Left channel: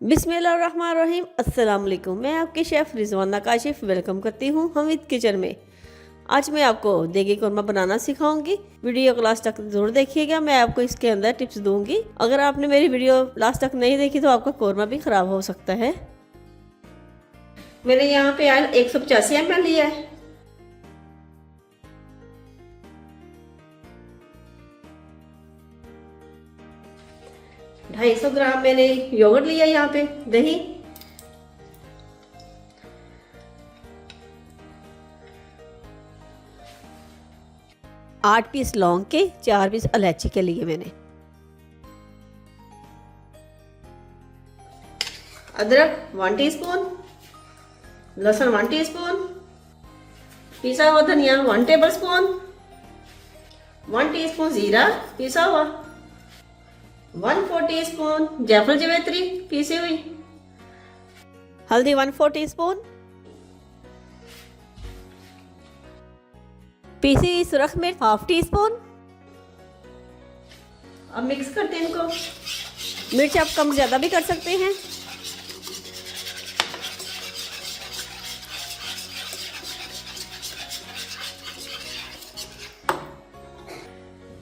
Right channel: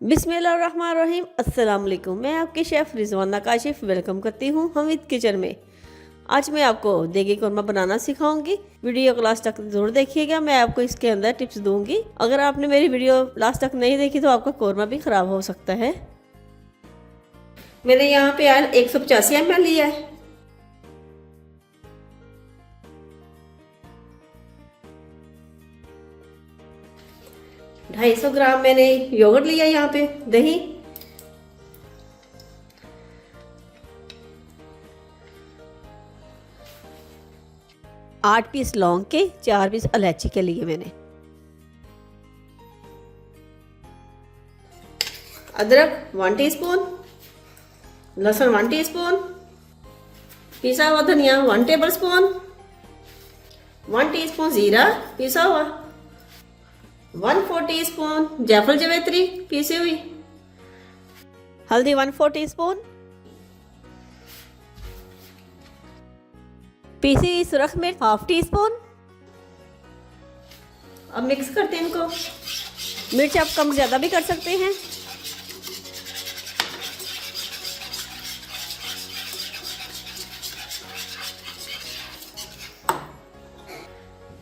बिस्मिल्लाहिर्रहमानिर्रहीम। अस्सलाम वालेकुम। मैं आपकी शेफ़ रिजवाना काशिफ वेलकम करती हूँ हमीद किचन में। आज मैं आपको देगी कौरमा बनाना सिखाऊंगी। वीडियो को लास्ट तक जरूर देखिएगा। मैं आपको इसके अंदर टिप्स दूंगी। अगर आपने मेरी वीडियो लास्ट तक नहीं देखी तो आपका कौरमा भी ख़राब हो सकता है। मैंने यहाँ पे आज 185 ml लिया है। 250 ग्राम मैंने योगर्ट लिया यहाँ पे, दही, 8 पीस लौंग के, 4 पीस इलायची के लिए मैंने, अदरक 1 टीस्पून, लहसुन 1 टीस्पून, पिसा हुआ धनिया 1 टेबलस्पून, 1 टीस्पून जीरा पिसा हुआ, 1/4 टीस्पून जायफल जवेत्री पीसी हुई, हल्दी 1/4 टीस्पून, पीसी हुई सुरख मिर्च 1/2 टीस्पून। अब मिक्स करते हैं इनको। मिर्च आप कम ज़्यादा भी कर सकते हैं।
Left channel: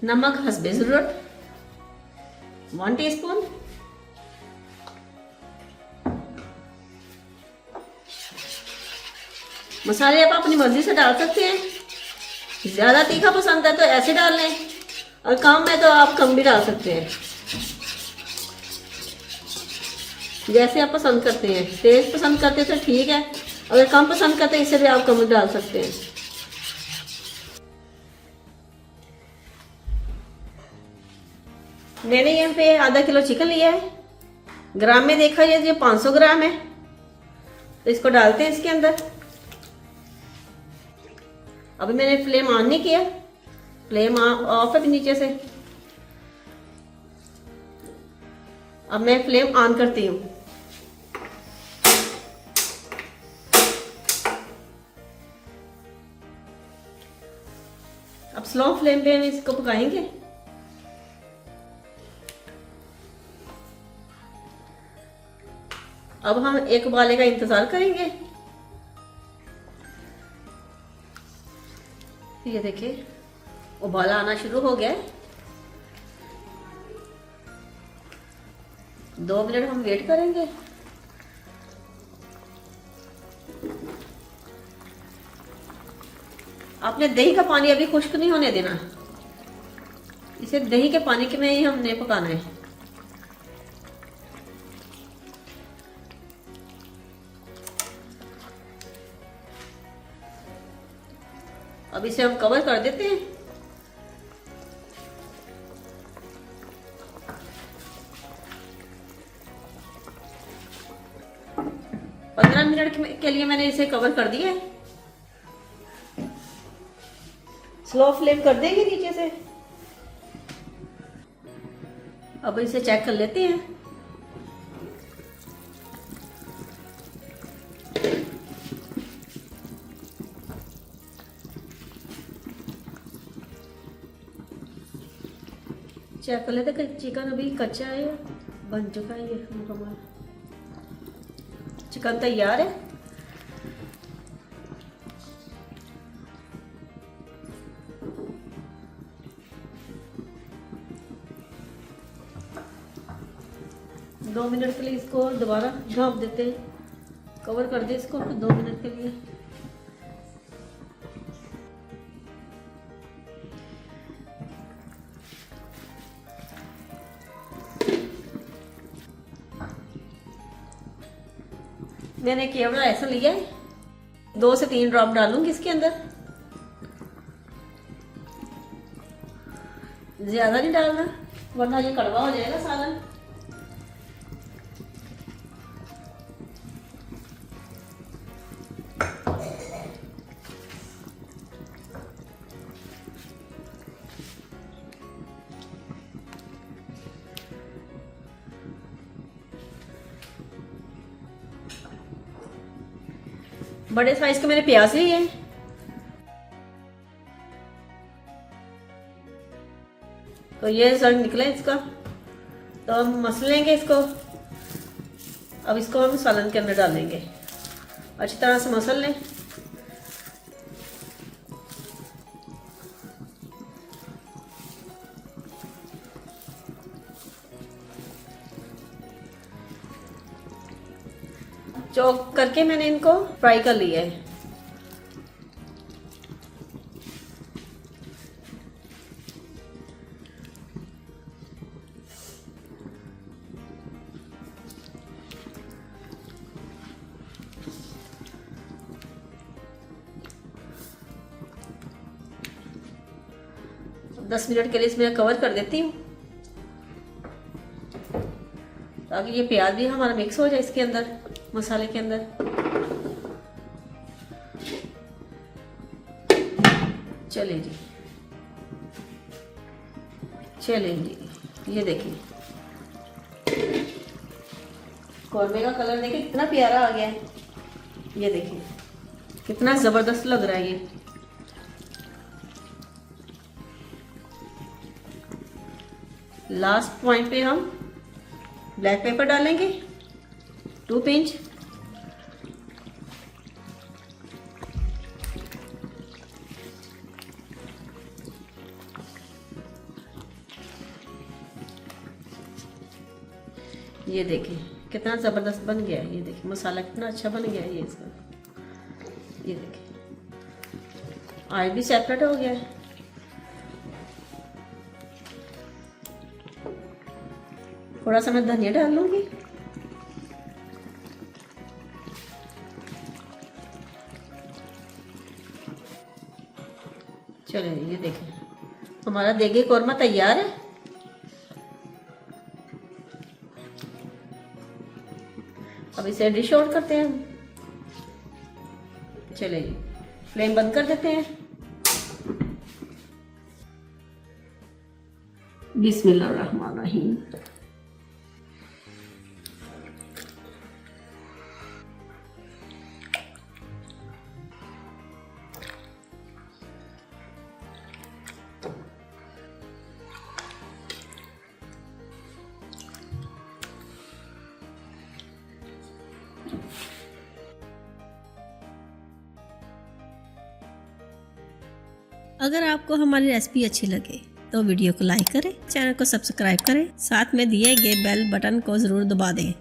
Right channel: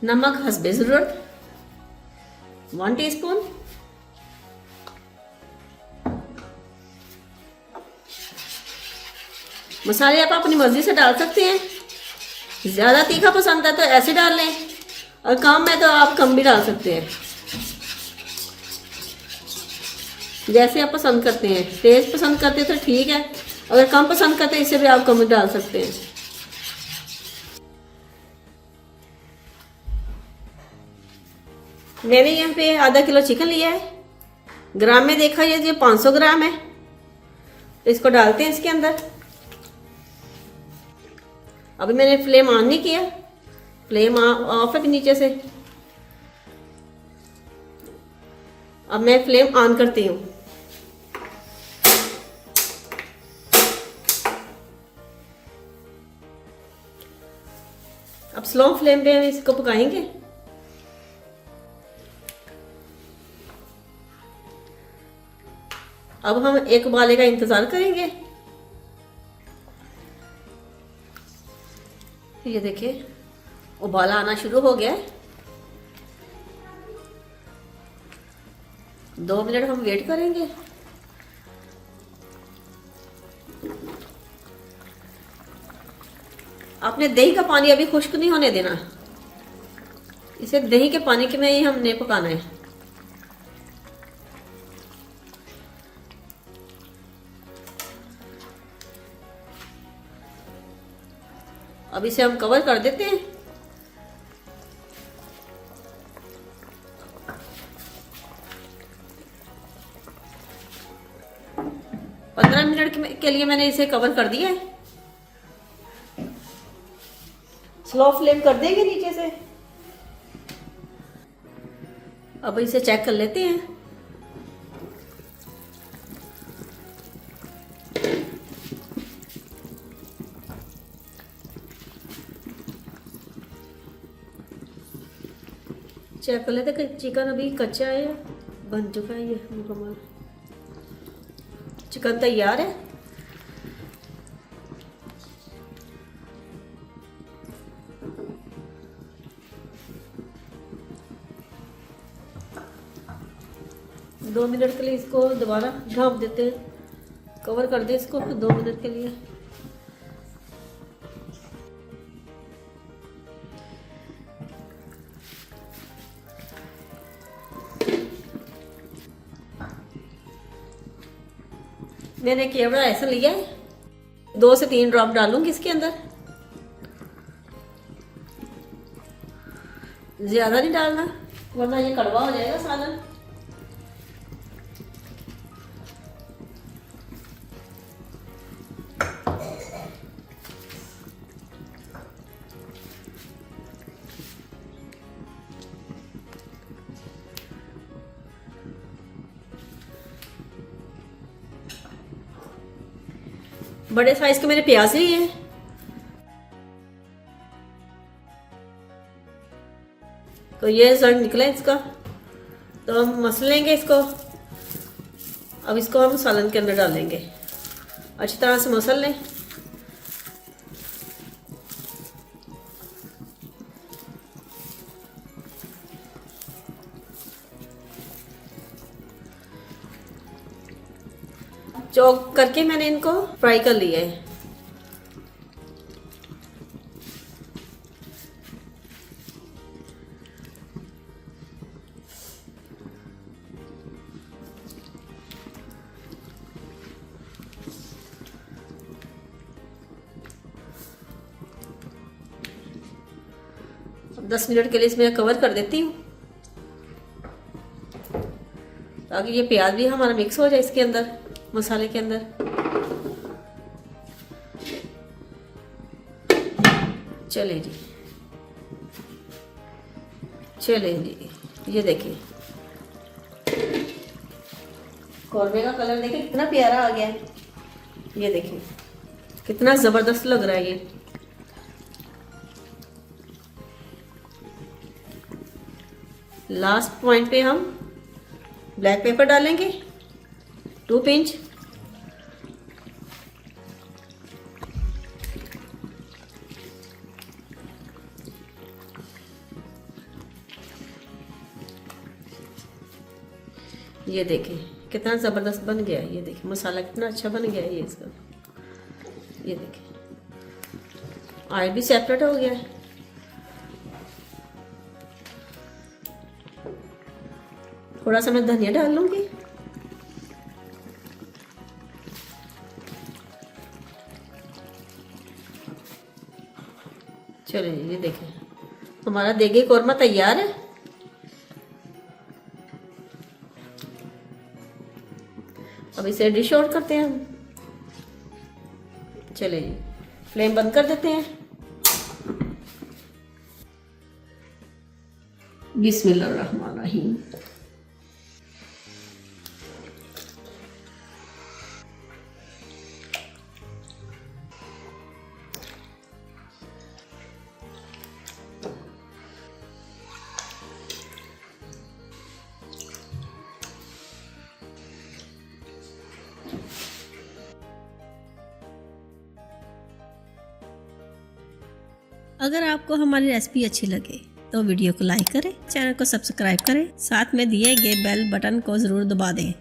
नमक हस्बे ज़रूरत 1 टीस्पून, मसाले आप अपनी मर्जी से डाल सकते हैं। ज़्यादा तीखा पसंद है तो ऐसे डाल लें, और कम है तो आप कम भी डाल सकते हैं, जैसे आप पसंद करते हैं। तेज पसंद करते तो ठीक है, अगर कम पसंद करते हैं इससे भी आप कम डाल सकते हैं। मैंने यहाँ पे आधा किलो चिकन लिया है। ग्राम में देखा ये 500 ग्राम है, तो इसको डालते हैं इसके अंदर। अभी मैंने फ्लेम ऑन नहीं किया, फ्लेम ऑफ है नीचे से। अब मैं फ्लेम ऑन करती हूँ। अब स्लो फ्लेम पे इसको पकाएंगे। अब हम एक उबाले का इंतजार करेंगे। ये देखिए उबाला आना शुरू हो गया है। 2 मिनट हम वेट करेंगे। आपने दही का पानी अभी खुश्क नहीं होने देना, इसे दही के पानी के में ही हमने पकाना है। अब इसे हम कवर कर देते हैं। पंद्रह मिनट के लिए मैंने इसे कवर कर दिया है। स्लो फ्लेम कर देंगे नीचे से। अब इसे चेक कर लेते हैं। चेक कर लेते चिकन अभी कच्चा है या बन चुका है। ये मुकम्मल चिकन तैयार है। दो मिनट के लिए इसको दोबारा ढक देते हैं, कवर कर दे इसको 2 मिनट के लिए। मैंने केवड़ा ऐसा लिया है, 2 से 3 ड्रॉप डालूंगी इसके अंदर, ज्यादा नहीं डालना वरना ये कड़वा हो जाएगा सालन। बड़े साइज के मैंने प्याज लिए हैं, तो ये रिजल्ट निकला इसका। तो हम मसल लेंगे इसको। अब इसको हम सालन के अंदर डालेंगे, अच्छी तरह से मसल लें। चॉप करके मैंने इनको फ्राई कर लिया है। दस मिनट के लिए इसमें कवर कर देती हूँ ताकि ये प्याज भी हमारा मिक्स हो जाए इसके अंदर, मसाले के अंदर। चले जी, चले जी, ये देखिए कौरमे का कलर देखिए कितना प्यारा आ गया है। ये देखिए कितना जबरदस्त लग रहा है ये। लास्ट पॉइंट पे हम ब्लैक पेपर डालेंगे 2 पिंच। ये देखिए कितना ज़बरदस्त बन गया है। ये देखिए मसाला कितना अच्छा बन गया है ये इसका। ये देखिए ऑयल भी सेपरेट हो गया है। थोड़ा सा मैं धनिया डाल लूंगी। चलिए ये देखें हमारा देगी कौरमा तैयार है। अब इसे डिश आउट करते हैं हम। चलिए फ्लेम बंद कर देते हैं। बिस्मिल्लाहिर्रहमानिर्रहीम। अगर आपको हमारी रेसिपी अच्छी लगे तो वीडियो को लाइक करें, चैनल को सब्सक्राइब करें, साथ में दिए गए बेल बटन को ज़रूर दबा दें।